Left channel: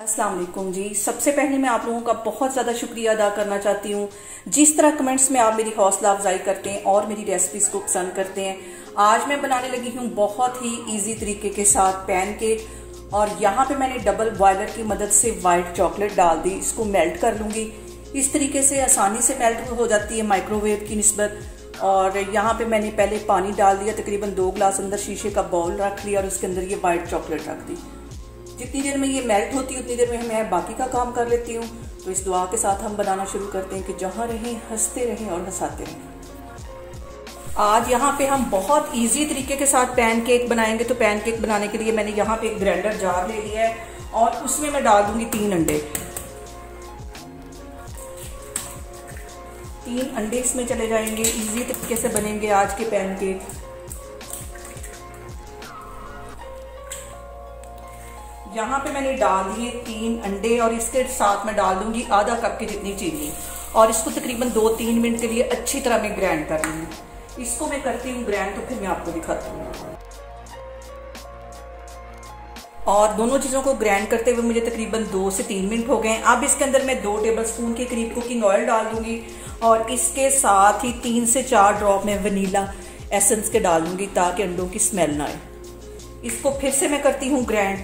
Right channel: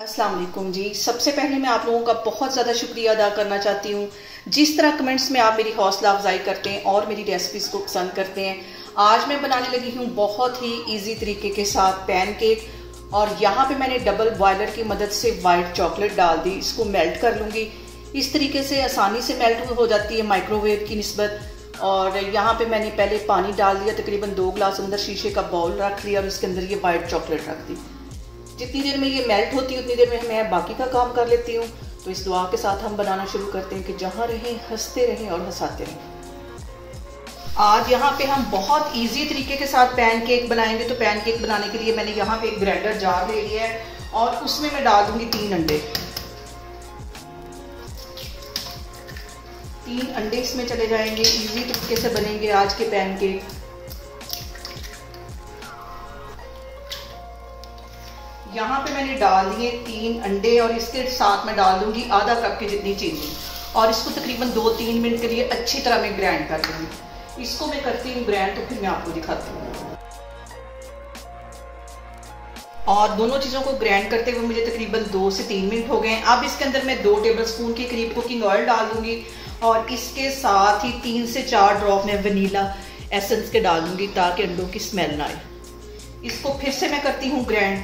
अस्सलाम वालेकुम जी। सबसे पहले मैं आप लोगों का बहुत ज़्यादा शुक्रिया अदा करना चाहती हूँ जिस तरह कमेंट्स में आप मेरी हौसला अफजाई करते हैं और मेरी रेसिपीज़ को पसंद करते हैं। आज मैं बनाने लगी हूँ बहुत ही इजी तरीके के साथ पैनकेक और यहाँ पे मैंने डबल बॉयलर की मदद से वाइट चॉकलेट डाल दी। इसको मेल्ट कर लूँगी। इस तरीके से आसानी से मेल्ट हो जाती है माइक्रोवेव की निस्बत। और यहाँ पे मैंने पहले पानी डाल दिया, तकरीबन 2 गिलास अंदर शीशे का बाउल रख लिया और उसके अंदर ये वाइट चॉकलेट रख दी। जितनी देर में ये मेल्ट होती है उतनी देर में मैं बाकी का काम कर लेती हूँ। तो इस दुआ के साथ हम बनाना शुरू करते हैं कि जहाँ रहें हंसते रहें और हंसाते रहें। आज यहाँ पे हम बहुत इजी तरीके के साथ पैनकेक बनाएंगे। तो पैनकेक बनाने के लिए मैंने यहाँ पे एक ग्राइंडर जार ले लिया है और उसमें मैं डाल दूंगी 3 अंडे। 3 अंडे इसमें चले जाएंगे। इजी तरीके से बनेंगे आज के पैनकेक। यहाँ पे मैंने डाल दिए 3 अंडे और इसके साथ मैं डाल दूंगी आधा कप की जितनी चीनी और इसको तकरीबन 2-3 मिनट के लिए अच्छी तरह मैं ग्राइंड कर लूंगी। इसको मैं करती हूँ ग्राइंड, तो फिर मैं आपको दिखाती हूँ। और दोनों चीज़ों को ग्राइंड करते हुए मुझे तकरीबन 2 से 3 मिनट हो गए। अब इसके अंदर मैं 2 टेबलस्पून के करीब कुकिंग ऑयल डाल दूंगी और इसके साथ ही 3 से 4 ड्रॉप मैं वनीला एसेंस के डाल दूंगी ताकि अंडों की स्मेल ना आए। इसको फिर से मैं करती हूँ ग्राइंड।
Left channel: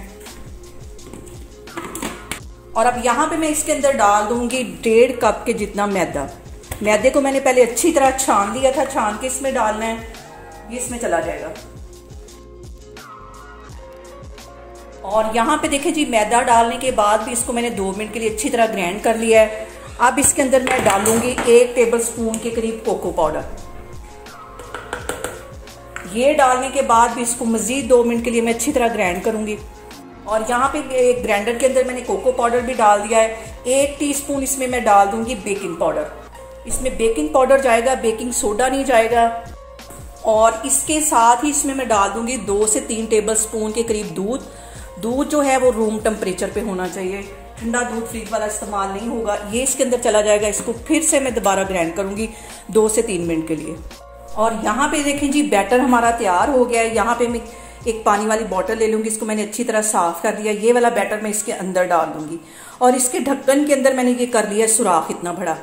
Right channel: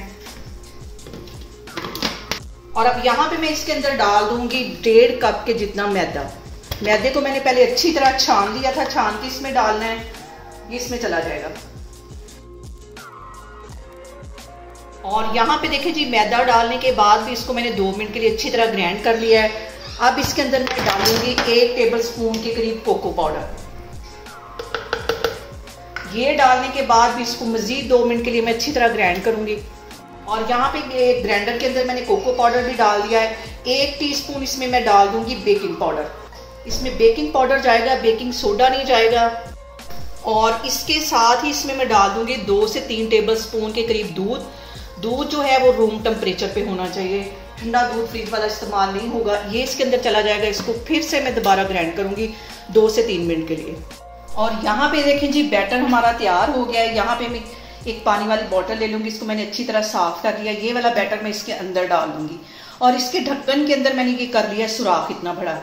और अब यहाँ पे मैं इसके अंदर डाल दूंगी 1.5 कप के जितना मैदा। मैदे को मैंने पहले अच्छी तरह छान लिया था, छान के इसमें डालना है। ये इसमें चला जाएगा। और यहाँ पे देखें जी, मैदा डालने के बाद भी इसको मैंने 2 मिनट के लिए अच्छी तरह ग्राइंड कर लिया है। अब इसके अंदर मैं डालूंगी 1 टेबलस्पून के करीब कोको पाउडर। ये डालने के बाद भी इसको मजीद 2 मिनट के लिए मैं अच्छी तरह ग्राइंड करूंगी। और यहाँ पे एक ग्राइंडर के अंदर मैंने कोको पाउडर भी डाल दिया है। 1 टीस्पून इसमें मैं डाल दूंगी बेकिंग पाउडर। इसमें बेकिंग पाउडर जाएगा, बेकिंग सोडा नहीं जाएगा। और इसके साथ ही इसमें मैं डाल दूंगी 2 से 3 टेबलस्पून के करीब दूध। दूध जो है वो रूम टेम्परेचर पे होना चाहिए, ठंडा दूध फ्रिज वाला इस्तेमाल नहीं होगा। ये इसके अंदर चला जाएगा। इसको फिर से मैं दोबारा ग्राइंड करूंगी 2 से 3 मिनट के लिए। और यहाँ पे देखें जी, बैटर हमारा तैयार हो गया है। यहाँ पे मैं एक पानी वाली बोतल ले लूंगी। इसको मैंने अच्छी तरह साफ कर दिया। ये वाला बैटर मैं इसके अंदर डाल दूंगी और इसके ढक्कन के अंदर मैंने ये कर लिया सुराख इतना बड़ा,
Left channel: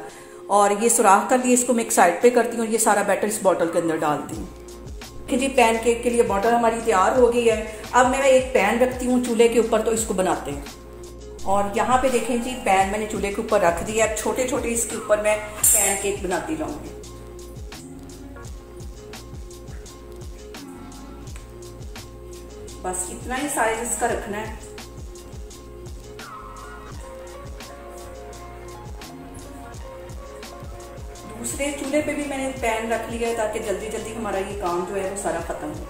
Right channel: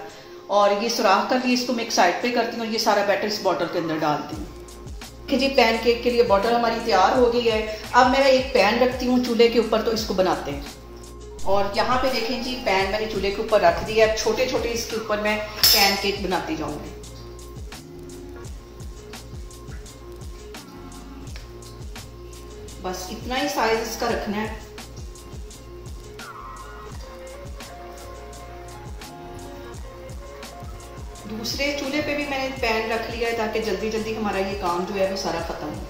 और ये सुराख कर दिया। इसको मैं एक साइड पे करती हूँ। ये सारा बैटर इस बोतल के अंदर डालती हूँ कि जी पैनकेक के लिए बोतल हमारी तैयार हो गई है। अब मैं एक पैन रखती हूँ चूल्हे के ऊपर, तो इसको बनाते हैं। और यहाँ पे देखें जी, पैन मैंने चूल्हे के ऊपर रख दिया। अब छोटे छोटे इसके ऊपर मैं पैनकेक बनाती जाऊंगी। बस इतना ही साइज इसका रखना है। दूसरे चूल्हे पे भी मैंने पैन रख लिया है ताकि जल्दी जल्दी हमारा ये काम जो है वो सारा खत्म हो।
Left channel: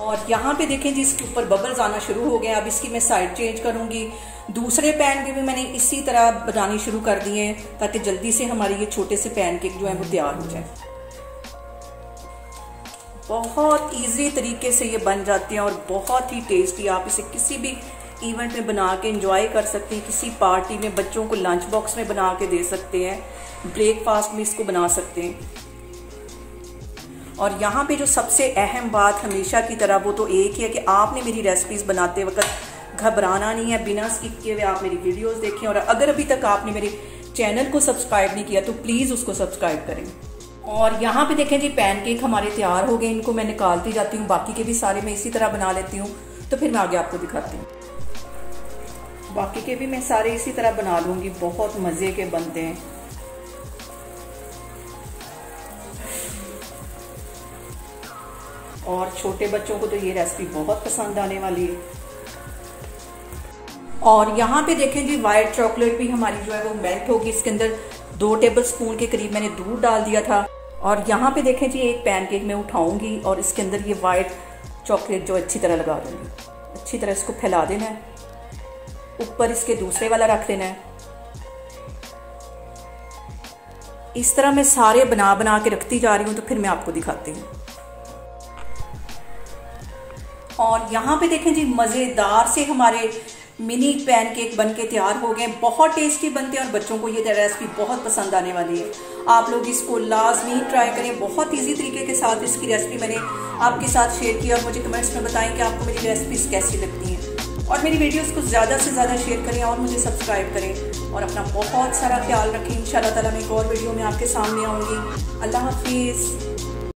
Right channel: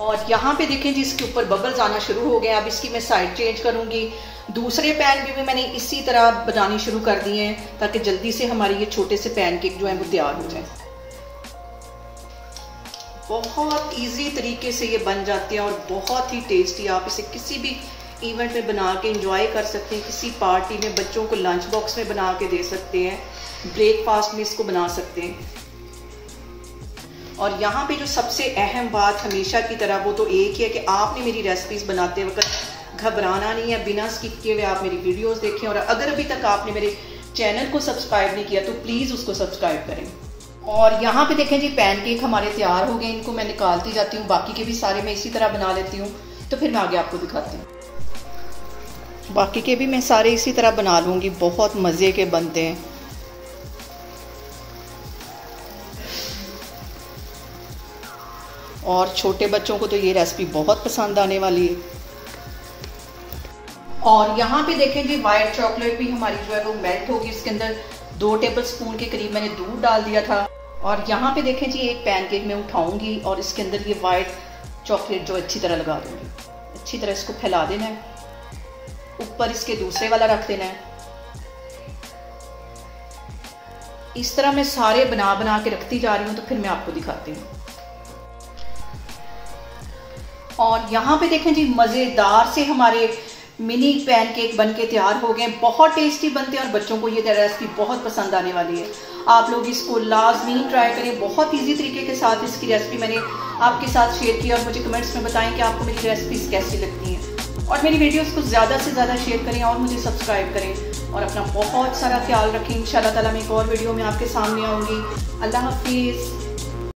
और यहाँ पे देखें जी, इसके ऊपर बबल्स आना शुरू हो गए। अब इसकी मैं साइड चेंज करूंगी। दूसरे पैन में भी मैंने इसी तरह बनानी शुरू कर दिए हैं ताकि जल्दी से हमारे ये छोटे से पैनकेक जो है वो तैयार हो जाए। बहुत इजी तरीके से ये बन जाते हैं और बहुत ही टेस्टी। आप इसे किसी भी इवेंट में बना के एंजॉय कर सकते हैं। किसी पार्टी में बच्चों को लंच बॉक्स में बना के दे सकते हैं। ब्रेकफास्ट में इसको बना सकते हैं। और यहाँ पे जो सबसे अहम बात हमेशा की तरह वो तो एक ही है कि आपने मेरी रेसिपीज़ बनाते वक्त घबराना नहीं है। बिना स्किप किए हुए आप मेरी वीडियोस देखें। और अगर अभी तक आपने मेरे चैनल को सब्सक्राइब नहीं किया तो प्लीज़ उसको सब्सक्राइब करें। और यहाँ पे देखें जी, पैनकेक हमारे तैयार हो गए। इनको मैं निकालती जाती हूँ। बाकी के भी सारे मैं इसी तरह बना लेती हूँ। तो फिर मैं आगे आपको दिखाती हूँ। बाकी के भी मैं सारे इसी तरह बना लूँगी। बहुत मज़े के बनते हैं। और छोटे बच्चों को तो ये रेसिपी बहुत पसंद आने वाली है। और यहाँ पे देखें जी, वाइट चॉकलेट भी हमारी जो है वो मेल्ट होगी। इसके अंदर 2 टेबलस्पून के करीब मैंने दूध डाल दिया था। और यहाँ पे देखें जी, एक पैनकेक मैं उठाऊंगी और इसके अंदर ये वाइट चॉकलेट जो अच्छी तरह लगा दूंगी। अच्छी तरह इसको फैला देना है। ऊपर इसके दूसरे वाला रख देना है। इस तरह मैं सारे बना बना के रखती जा रही हूँ। तो फिर मैं आपको दिखाती हूँ। और यहाँ पे देखें जी, मज़ेदार से हमारे मिनी पैनकेक बनके तैयार हो गए। बहुत टेस्टी बनते हैं और बच्चों को ये रेसिपी बहुत पसंद आने वाली है। आप लोग इसको लाजमी ट्राई करें। बहुत ईजी तरीके के साथ इसकी रेसिपी मैंने आपके साथ शेयर की और मुझे कमेंट्स में बताएं कि आपको मेरी रेसिपीज़ कैसी लगती हैं। और मेरी वीडियोस को ज़्यादा से ज़्यादा शेयर करें और मुझे सब्सक्राइब करें और अपना बहुत सारा ख्याल रखें। इंशाल्लाह ताला मैं एक और वीडियो में आपके सामने आऊँगी। अल्लाह हाफिज़।